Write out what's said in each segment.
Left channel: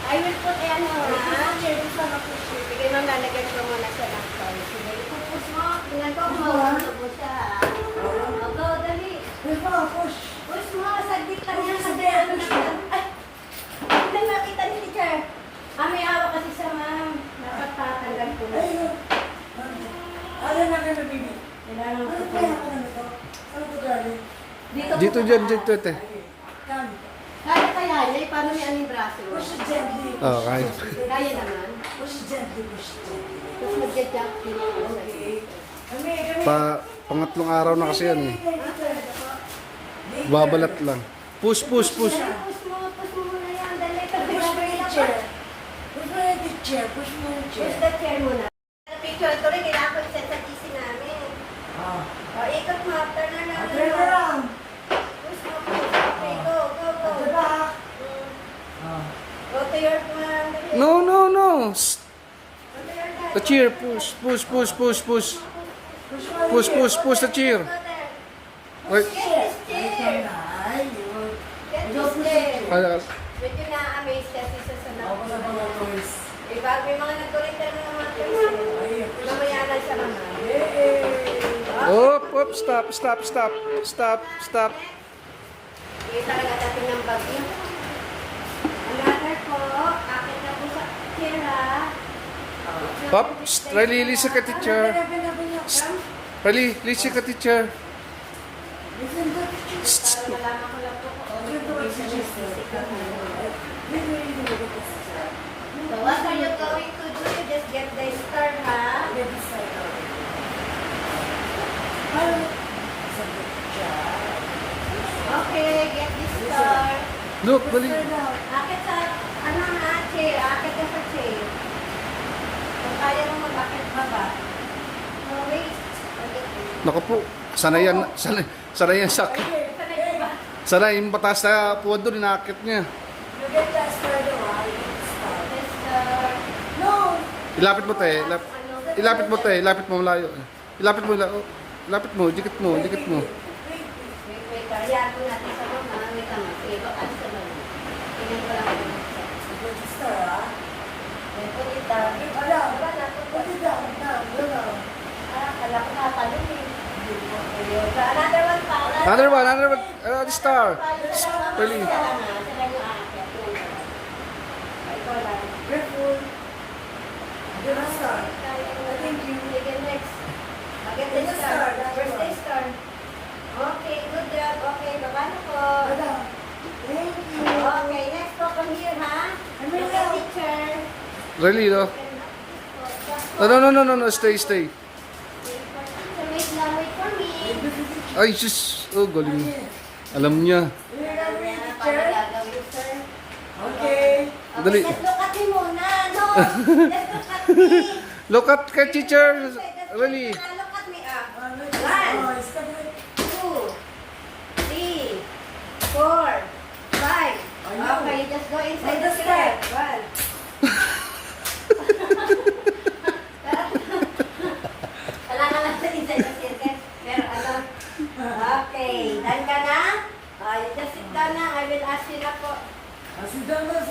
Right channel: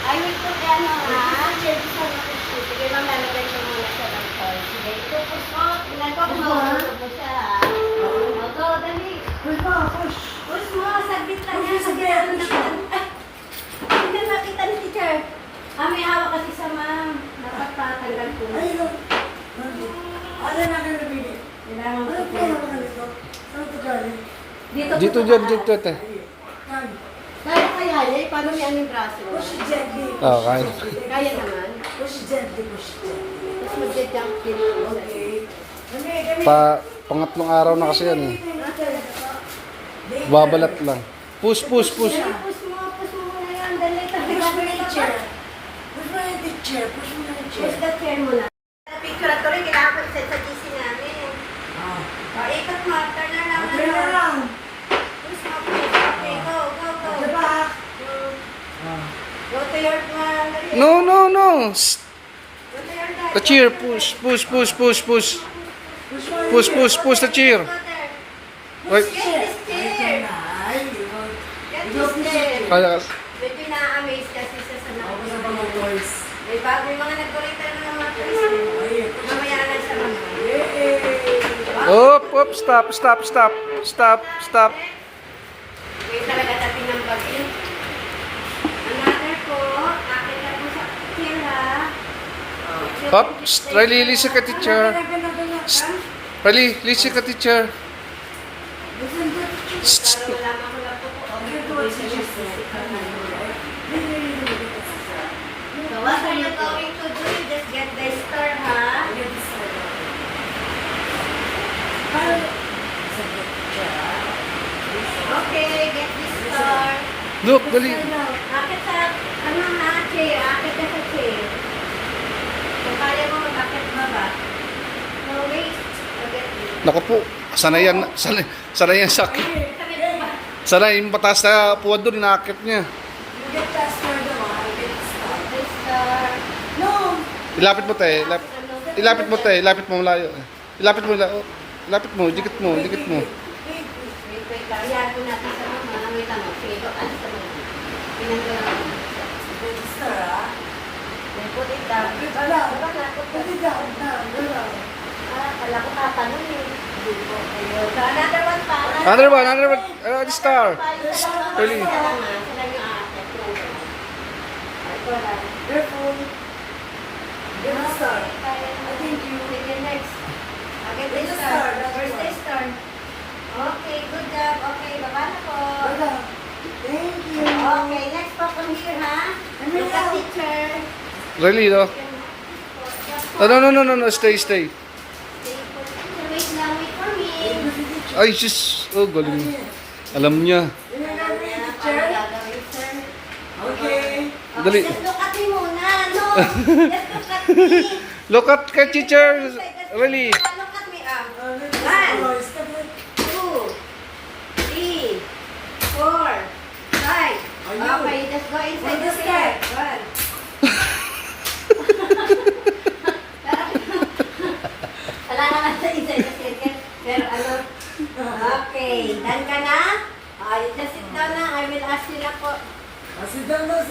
I will put ano ha? Sige ma'am, lalagyan ko muna siya ng salt. Sige, ipupus mo. Tingnan ko kung mapupus siya ha. Go, dali. Push mo, push. Push mo, saglit lang yan. Saglit lang. Ay! Hindi makita ni teacher. May hawak kasi siya ma'am. Dapat patanggal ko. Ay, no. Ano na kinabili? Kailangan mo Ano ito. pa naman ito? Ano ito galing? Dito Dyan, dito, te. Kami. Kaya kaya niya, paano niya ang braso? Push gently. Okay. Kaya naman. Push gently, push gently. Tapos magja-jump din ako sa Pangatlong araw na kasi yan eh. Babalat lang. Push, push, push. Push mo muna yan. Dali, tabi Push ka mo dito yung pa. chair. Push mo yung chair. Push mo yung chair. Push the chair muna. Picture ito rin, kailangan ko set sa GC namin. O, ikot mo. Turn around. Okay na lang. Push mo, push. Okay, go, go, go. Okay ba? Go to your No, no, no. Shh. Go to your desk. The chair. Push, push, push, push, push. Push, push, push the chair. Right. Get this chair. Ay, yun. Get this chair. Kaya, Medyo na-amaze kasi sa Ako sa mga toys. May bago yung mga nag-corrector na mga toys. Mamaya na siya mga. op, op, stop, stop, stop. Stop, stop. May talaga dating ng bagyo. Another po, akit na po sa tira. Up, Riley, listen ka teacher. Riley, listen ka teacher. Para malaman ko lang po kung ano yung So what are you going to do? You just get the star, ha? Okay, get this star. Look, Riley. Akit sa, ano ha, chair. Akit ka sa chair. Kung kaya mo mag-akit baba. No, wait. Forget it. Naku po, sanay yan, sanay yan sa akin. Kami po ba? Sanay yung mataas na puwad doon, inaakit niya. You get that further on. You get the star. This star. No! Ilapit mo tayo, ilapit mo tayo, ilapit mo malayo. Ilapit mo, ilapit mo, dikit mo, dikit mo. Wait, kaya ko natin sa mama. Wait lang. Okay, baka sa mama. Tingnan ko lang. Get the star, ah. Then put it down. Wala. Put it down. Wala. Kala ko tatanong eh. Ayun. So, another one pa. Another one, star. Really? Sila yung aakyat. Ito lang. Careful. Get the star. Thank you. Sige, next. Okay, this star. Where's this star? Okay, good job. Okay, baba na po. Wala. Thank you. Okay, next po from here, ha? Look at teacher. Really, no? No, stay. Wait lang, wait for me. Ay, sis. Oh, galing. Alam niya. Okay. Dali. Just look at me muna. No. Just look at me. Look at kay teacher. Really. Look at me. 1, 2, 3, 4, 5. Okay, just go inside the skirt. 1. Kailangan lang sa inside the skirt. Pero ano? Okay, done ka na? You just sit down na. I will ask you na po. Sit down. The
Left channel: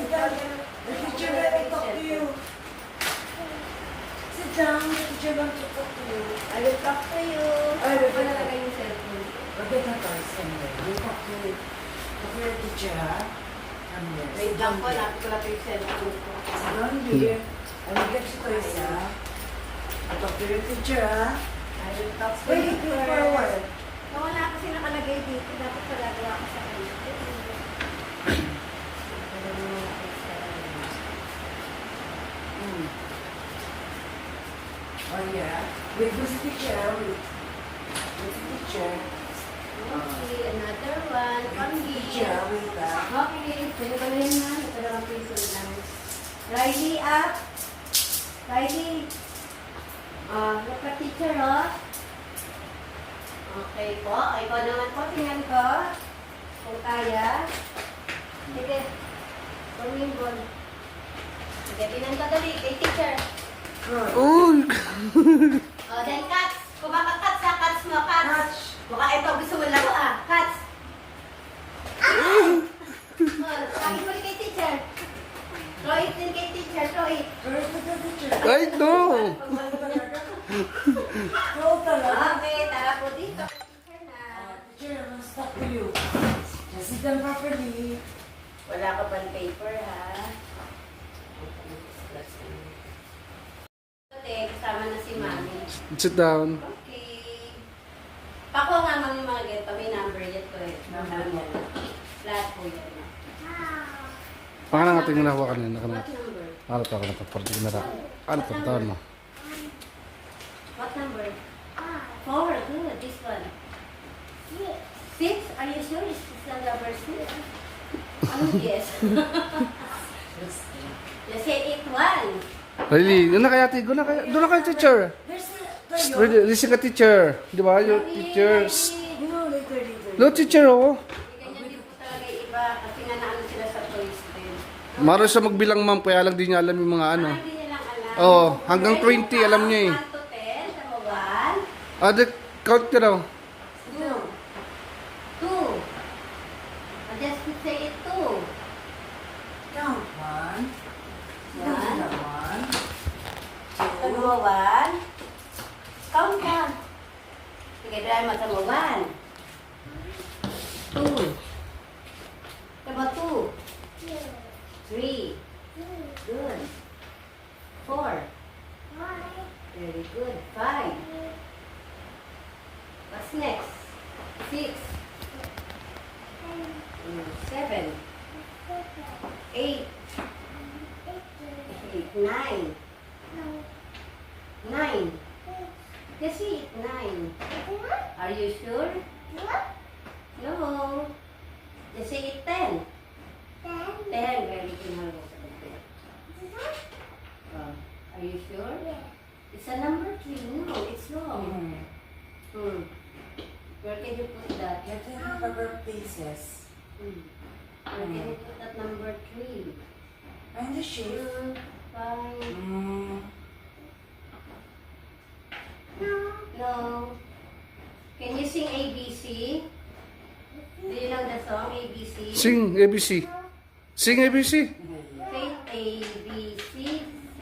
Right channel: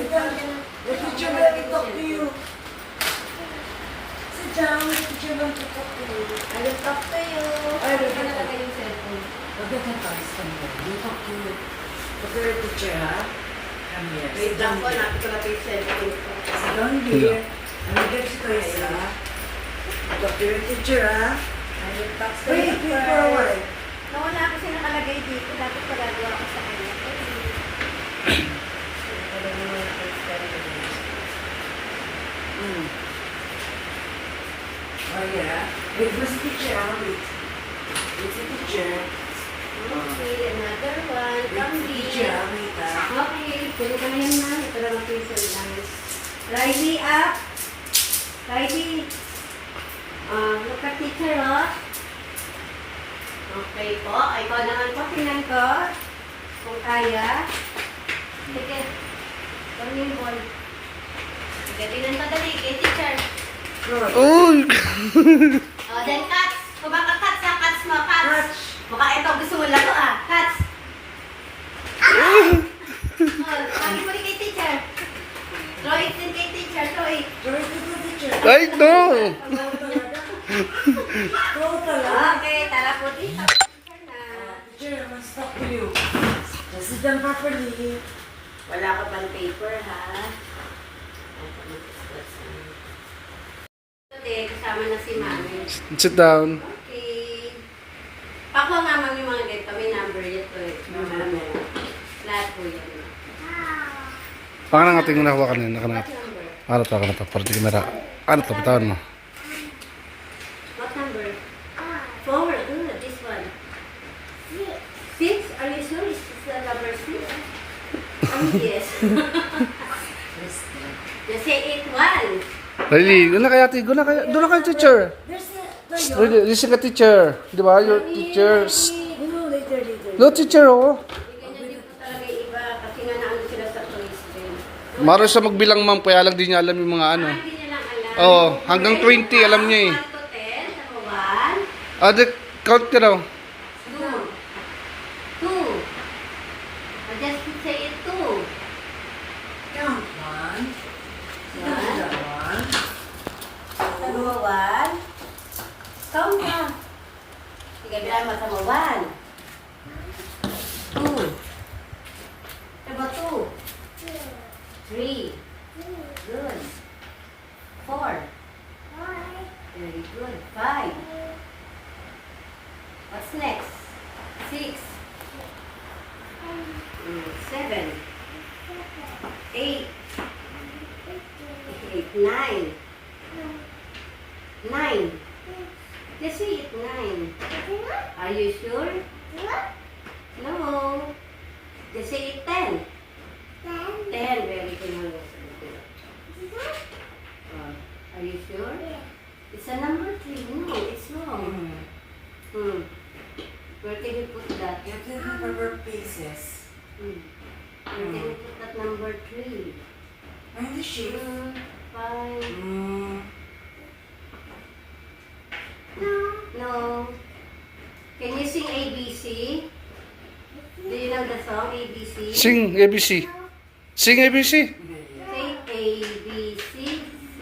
teacher will talk to you. Sit down. The teacher will talk to you. I will talk to you. Ay, Ano ba nalagay yung cellphone? Okay, we'll talk to you. Talk to your teacher, ha? Come here. Wait lang po, natin ko na po yung cellphone ko. Sit down here. I will get you toys, ha? Talk to your teacher, ha? I will talk to Wait, you. wait for a while. Nawala kasi nakalagay dito. Dapat pagagawa ko sa kanya. Oh, yeah. Wait, who's the teacher? Wait. Who's the teacher? Okay, another one. From Teacher, here. wait, ha? Okay, pwede ka na yan na. Ito lang ang pencil lang. Riley up. Riley. Look at teacher, oh. Okay po. Ikaw naman po, tingnan ko. Kung kaya. Sige. One year boy. Sige, binan pa dali. Kay teacher. Uy! Oh, then cuts. Kung baka cuts ha, cuts mo, cuts. Baka ito gusto mo laro ah. Cuts. Oh, sabi mo rin kay teacher. Throw it din kay teacher, throw it. Ay, no! Oo pala. Okay, tara po dito. Teacher na. Teacher, I'm stuck with you. Sit down properly. Wala ka pang paper, ha? Ate, kasama na si Mami. Sit down. Okay. Pakuha nga Mami mga ganito. May number ito eh. Mami. Lahat po yan. Baka na nga tingin na hawakan yun. What number? Ano to? Para di kamera. Ano to? Bitawan mo. What number? 4. Good. This one. 6? Are you sure? Is this the number 6? Yes. You say 8-1. Riley, doon na kaya, doon na kaya, teacher. There's a... Riley, listen ka, teacher. Di ba? Your teachers. No, later. No, teacher, oh. Ganyan din po talaga yung iba kasi nga naano sila sa toys din. Maro siya magbilang, ma'am. Kaya lang di niya alam yung mga ano. Hindi niya lang alam. Oo, hanggang 20, alam niya eh. 1 to 10, saka 1, Ah, count ka daw. 2. 2. Just say it 2. Count. One. Sa mo 1. Count ka. Sige, bilang mo sa mo 1. 2. Sa mo 2. 3. Good. 4. Very good. 5. What's next? 6. 7. 8. 9. 9. Just say it 9. Are you sure? No. Just say it 10. 10. Very good. Are you sure? It's a number 3. No, it's wrong. Where can you put that? You have to have rubber pieces. Where can you put that number 3? And the shape. 5. No. Can you sing ABC? Do you know the song ABC? Sing ABC. Sing ABC. Say ABC.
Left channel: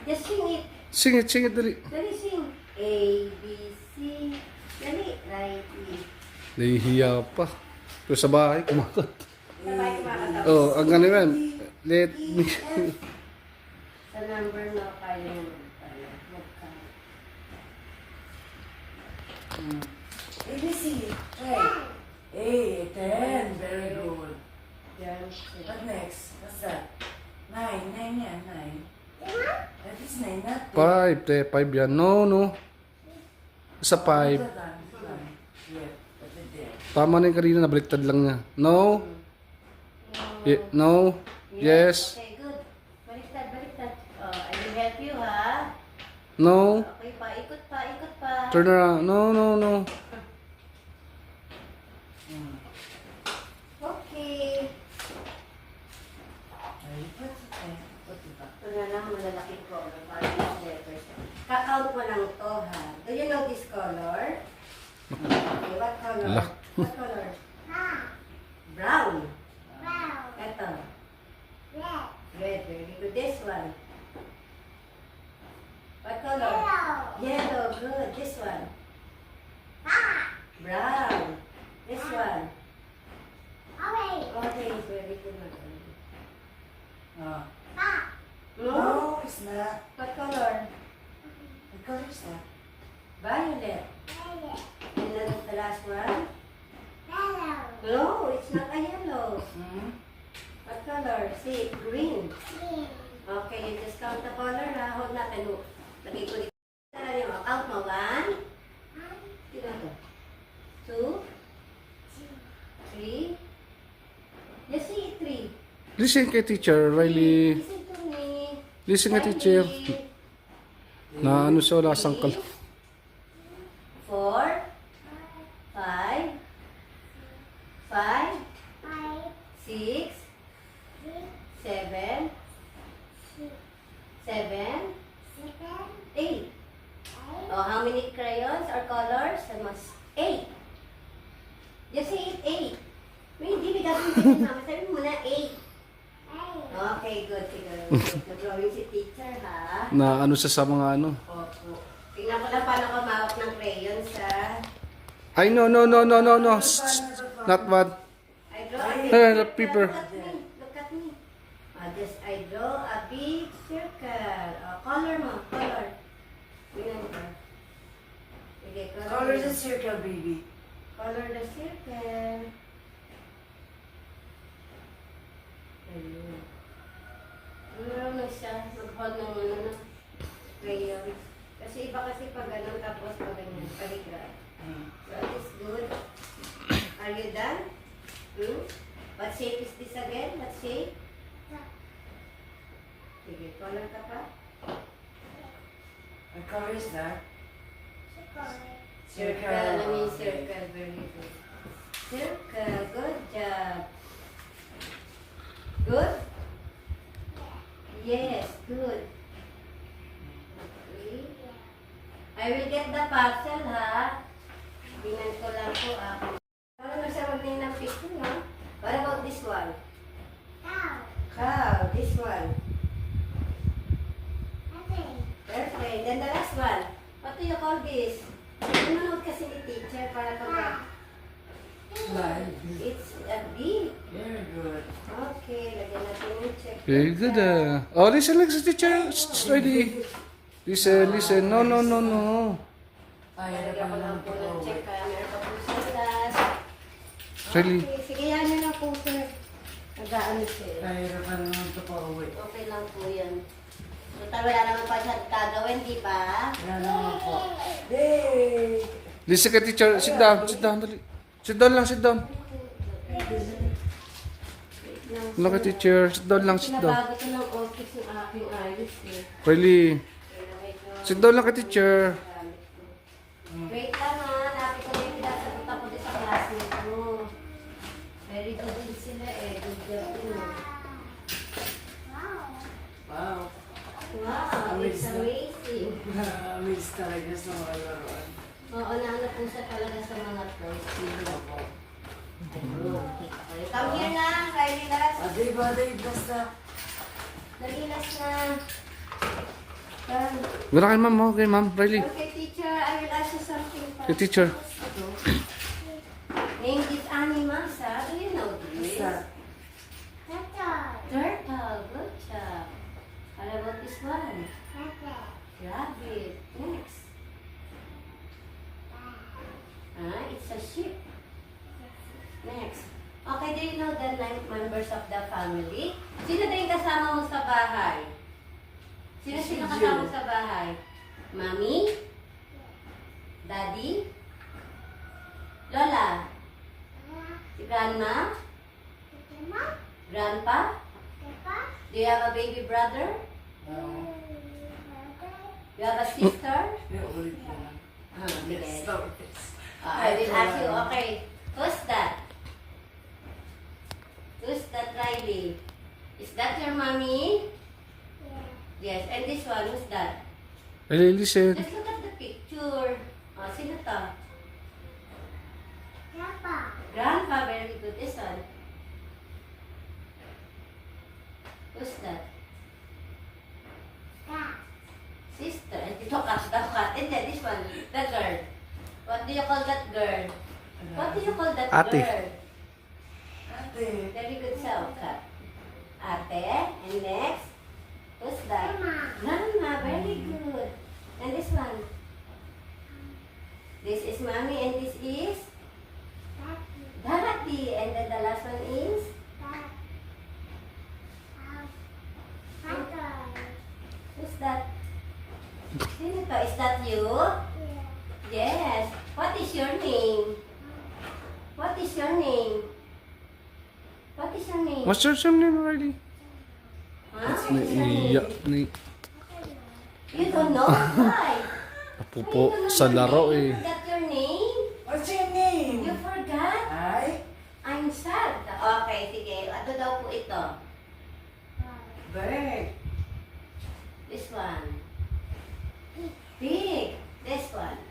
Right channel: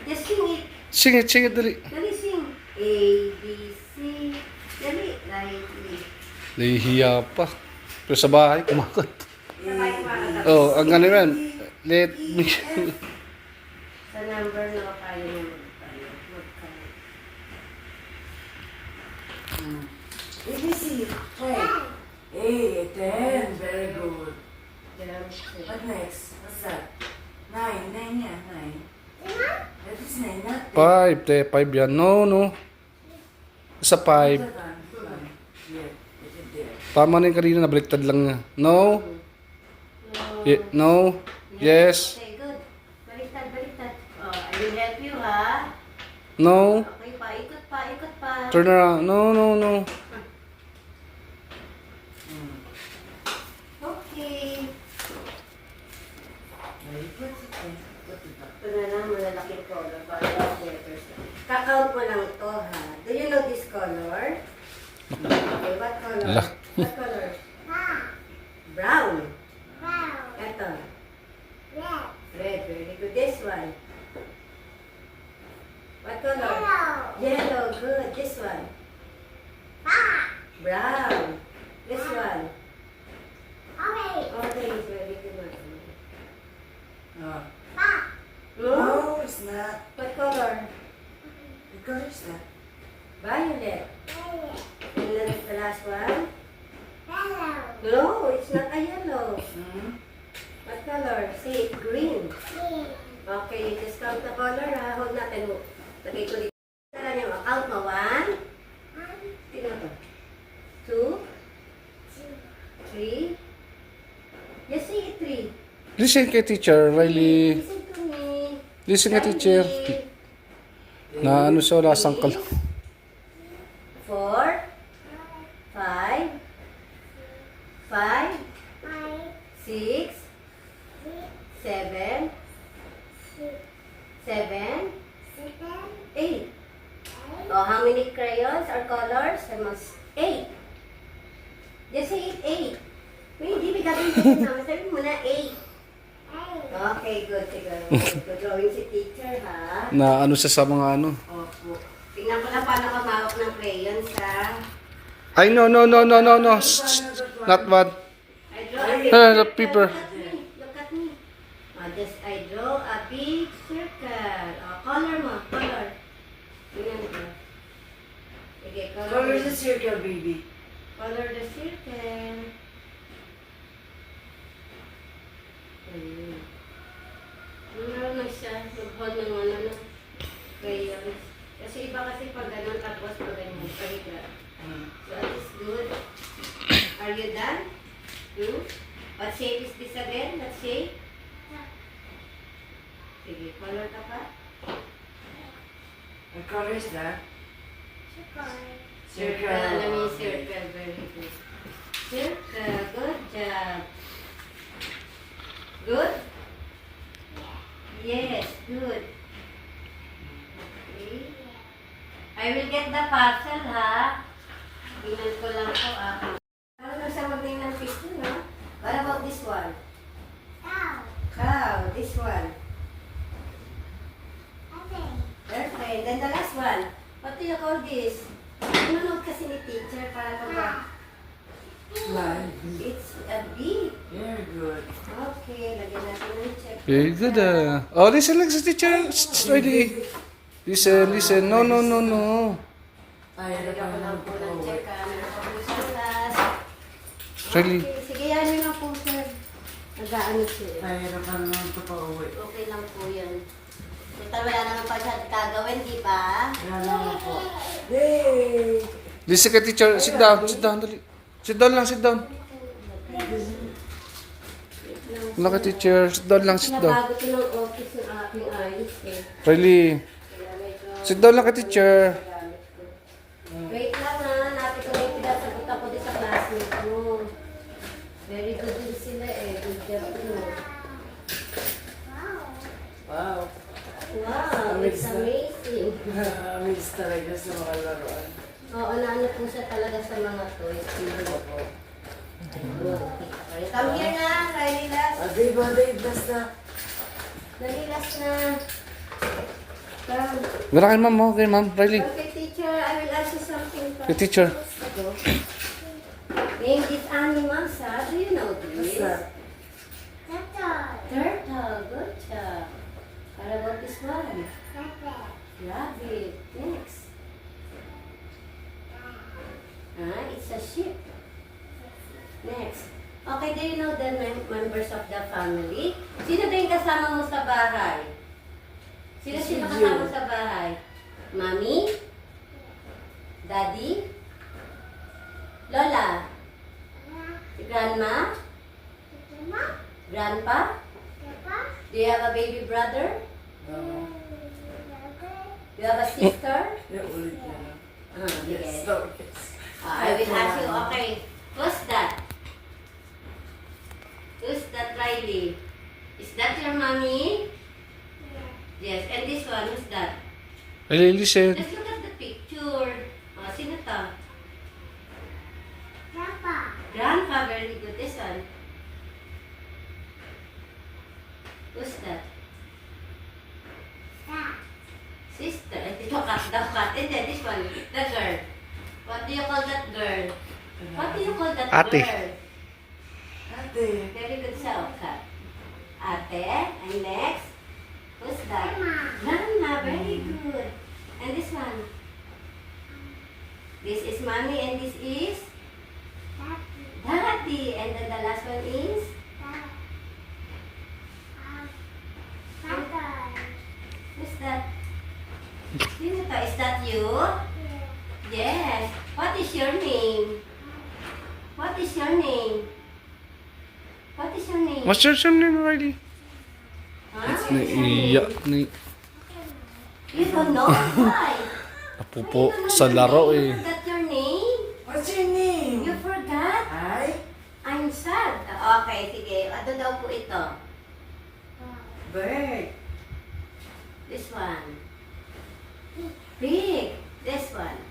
Just sing it. Sing it, dali. Dali sing. ABC. Dali. Right. Nahihiya pa. Pero sa bahay, kumakat. Sabay mga Oh, ang ganun yan. Let me... Sa number na kayo naman tayo. ABC. Play. Hey, 10. Very good. What next? What's that? 9. 9 yan. 9. That is 9, not 10. 5 yan. No. Sa 5. Yeah, put it there. Tama na yung kanina, nabaliktad lang niya. No. No. Yes. Okay, good. Baliktad. Oh, I will help you, ha? No. Okay, paikot pa. Turn around. No. Okay. Very good. Put it up. Ito na lang, malalaking problem para sa letters. Kakount mo lang to, ha? Do you know this color? Okay, what color? Ala. What color? Brown. Ito. Red. Very good. This one. What color? Yellow. Good. This one. Brown. This one. Orange. Very good. No. No? No, it's not. What color? What color is that? Violet. And then the last one? No, it's not a yellow. What color? See, green. Okay, you just count the color, ha? Hold natin mo. Lagay ko dito. Tala niyo, count mo. 1. Tingnan ko. 2. 3. Yes, see, 3. Listen kay teacher, Riley. Listen to me. Listen kay teacher. Na ano siya, wala sangkal. 4. 5. 5. crayons or colors? I must 8. Just say 8. No, hindi. Bigyan mo. Sabi mo na 8. Okay, good. Siguro. Good drawing si teacher, ha? Na ano siya sa mga ano. Opo. Tingnan ko lang paano ka mawak ng crayons, ha? Ay, no. Shh. Not bad. I draw The paper. Look at me. Just I draw a big circle. Color mo. Color. Tingnan ko. Sige, Color the circle, baby. Color the circle. Ayun. Meron na siya. Mag-hold ng ano na crayons. Kasi iba kasi pag ganun tapos pag ganyan. Pahigra. So that is good. Are you done? What shape is this again? What shape? Sige, color ka pa. What color is that? Circle. Let me circle. Very good. Circle. Good job. Good? Yes, good. Okay. I will get the parcel, ha? Tingnan ko lang po, Ano na siya maging ng picture, no? What about this one? Cow. This one. Perfect. Then the last one. What do you call this? Nanonood kasi ni teacher para pag... Line. It's a bee. Very good. Okay, lagyan natin ng check. Very good. Oh, listen lang sa teacher. Ready. Listen. No. Ay, Lagyan ko lang po ng check. Meron pa po sa class. Really. Okay, sige, yan yun lang po, sir. Nag-ano siya. Pahirapan naman ito pa uwi. Okay lang po yan. Total, wala naman pa siya gagawin, di ba? Yan naman po. Yay! Listen kay teacher. Sit down. Dali. Sit down. Wala kay teacher. Sit down. Pinabago ko ng office ng aking ayos eh. Really. Kaya medyo... Sit down lang kay teacher. Wait lang ha, napit ko na yung pinasagot ako din sa classmate mo. Very good din sila eh. Good job din. Wow. Wow, it's amazing. Amaze talaga sa mga laruan. Oo, naano po siya talaga sa mga toys. Ayun. Come here na, Kylie last. Baday, basta. Dali last na. Come. Meron kay ma'am mo. Kay ma'am. Really. Okay, teacher, I will ask you something. Kay teacher. Name these animals, ha? Do you know this? What's that? Turtle. Good job. What about this one? Rabbit. Next. It's a sheep. Next. Okay, do you know the members of the family? Sino ba yung kasama mo sa bahay? Sino kasama mo sa bahay? Mommy? Daddy? Lola? Grandma? Grandpa? Do you have a baby brother? No. Do you have a sister? Ulit na lang. Yes. Stop. I will ask you, okay, who's that? Who's that, Riley? Is that your mommy? Yes. And this one, who's that? Really, listen. Let's look at the picture. Sino to? Grandpa, very good. This one. Who's that? Sister. Ito kat. And then this one, the girl. What do you call that girl? What do you call that Ate. girl? Ate. Very good self cut. Ate. And next, who's that? Grandma. Very good. And this one? This is mommy and this is? Daddy. And then the last one is? Who's that? Sino to? Is that you? Yes. What is your name? What is your name? What is your name? What's your name, Riley? Huh? Naiiyak. You don't know? Why? Napupo sa laro You eh. forgot your name? What's your name? You forgot? Ay? I'm sad. Okay, sige. Ano daw po ito? Bird. This one. Pig. This one.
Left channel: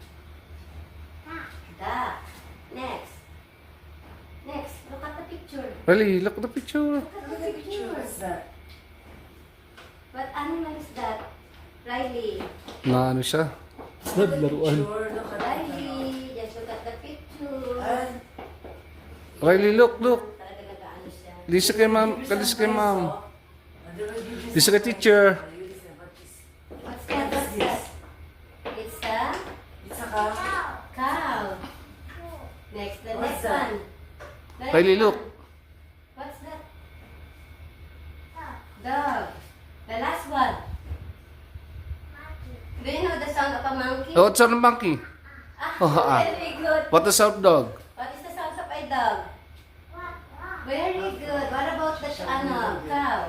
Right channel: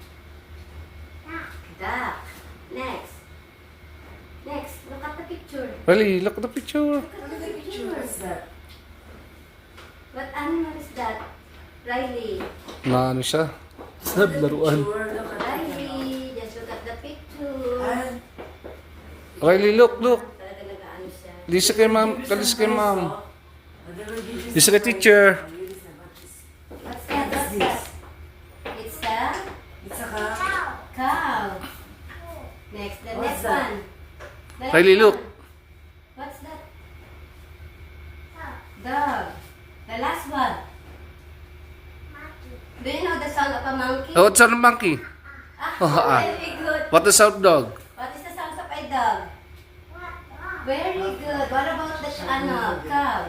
Riley, look at the picture. Look at the picture. What's that? What animal is that? Riley. Na ano siya? Laruan. Picture, look at the Riley, just look at the picture. And Riley, look. Talaga nag-ano siya. Lisa kay ma'am. Kalis kay ma'am. Lisa kay teacher. What's that? What's that? It's a It's a cow. cow. Next, the What's next that? one. The next Riley, look. one. What's that? Dog. The last one. Do you know the sound of a monkey? Oh, what's on the monkey? Ah, very good. What the sound dog? What is the sound of a dog? Very good. What about the cow?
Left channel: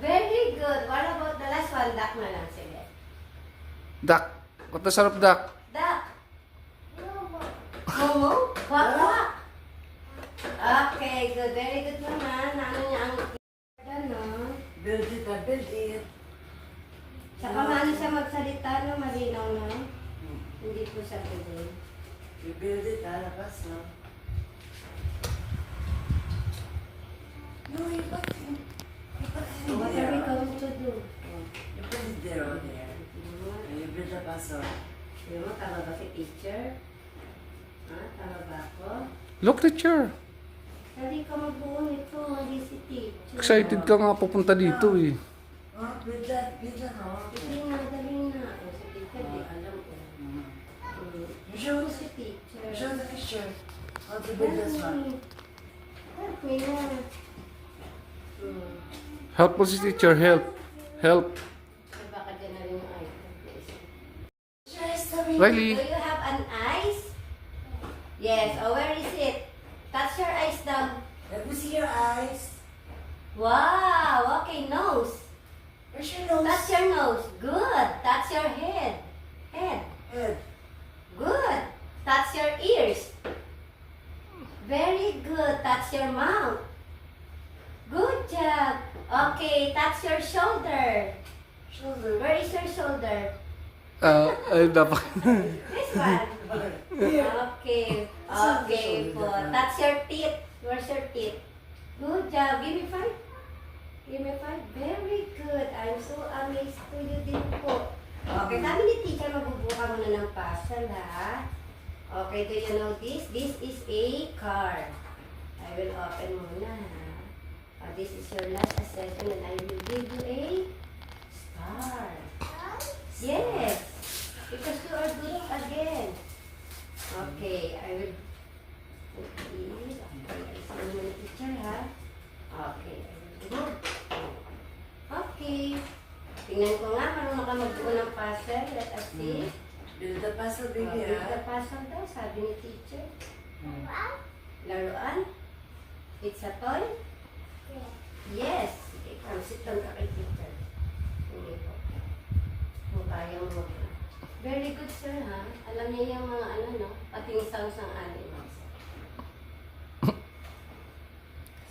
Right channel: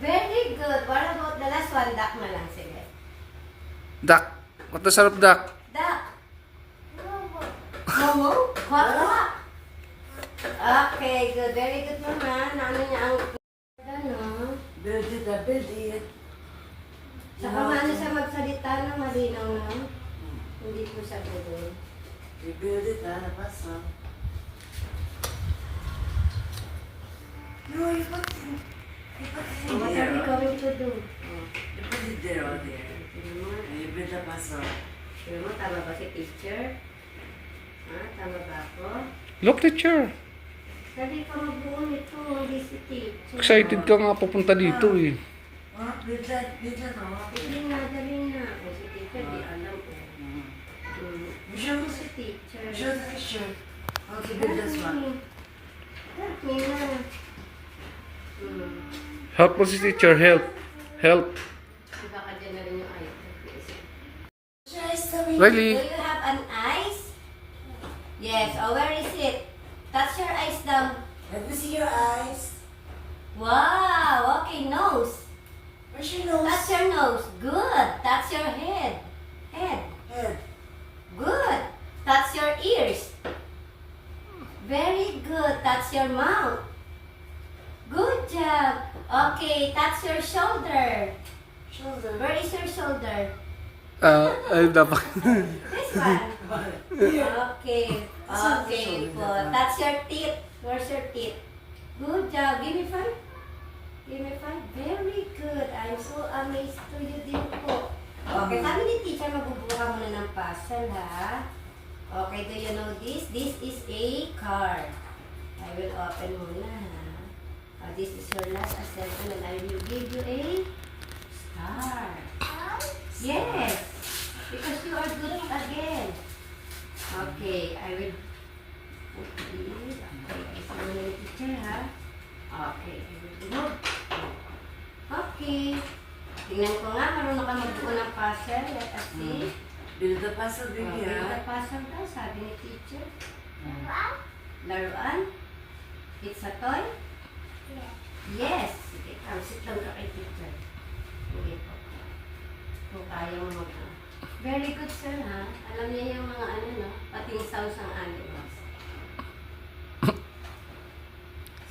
Very good. What about the last one? Duck na lang. Sige. Duck. What the sound of duck? Duck. Momo? Quack, quack. Okay, good. Very good, Mama. Naano niya ang... Ano? Build it, build it. Saka maano siya magsalita na malinaw na. Hindi po siya doon. You build it, labas, no? No, you put it. You put it in What are there. we going to do? You put it there or there. And you build the puzzle. Sure mo, tama ba si teacher? Tama ba ako? Look, teacher. Sabi ka magbuo nito, hindi si teacher. Excited ka nga pupunta dito eh. Build that, no? Sige na, dali na. Kung si teacher, di alam ko. You show Kung us. si teacher. Show the picture. How to build this one. Help me na. Help mo si teacher, help. Help. Baka dyan na rin yung item. Riley. Do you have an eyes? Yes. Oh, where is it? Touch your eyes down. Let me see your eyes. Wow. Okay, nose. Where's your nose? Touch your nose. Good. Touch your head. Head. Head. Good. Touch your ears. Very good. Touch your mouth. Good job. Okay, touch your shoulder. Shoulder. Where is your shoulder? Ay, dapat. This one. Okay. Okay po. Touch your teeth. Where's your teeth? Good job. Give me 5. Give me 5. Very good. I'm so amazed to you din po. Okay, sabi ni teacher, magbubuka muna ng puzzle, ha? Okay, do you know this? This is a car. I will open muna, ha? This is your last assessment and I will give you a star. Yes! Because you are good again. Okay, I will put this. Okay, I see muna ni teacher, ha? Okay, I will do. Okay. Tingnan ko nga, marunong ka magbuo ng puzzle. Let us see. Build the puzzle, baby. Okay, the puzzle daw, sabi ni teacher. Laruan? It's a toy? Yes. Sige, sit lang ka kay teacher. Hindi po. Kung kaya mo mag Very good, sir, ha? Alam niya yung mga ano, no? Pati yung sounds ng animals.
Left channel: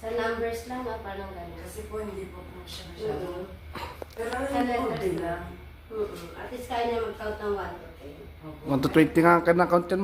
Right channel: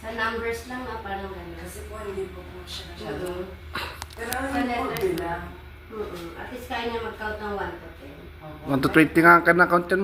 Sa numbers lang, no? Parang gano'n. Kasi po, hindi po siya masyado. Mm-hmm. Pero ano Sa yung letter good lang? At least kaya niya mag-count ng 1 to 10. 1 to 20 nga ka na count yan,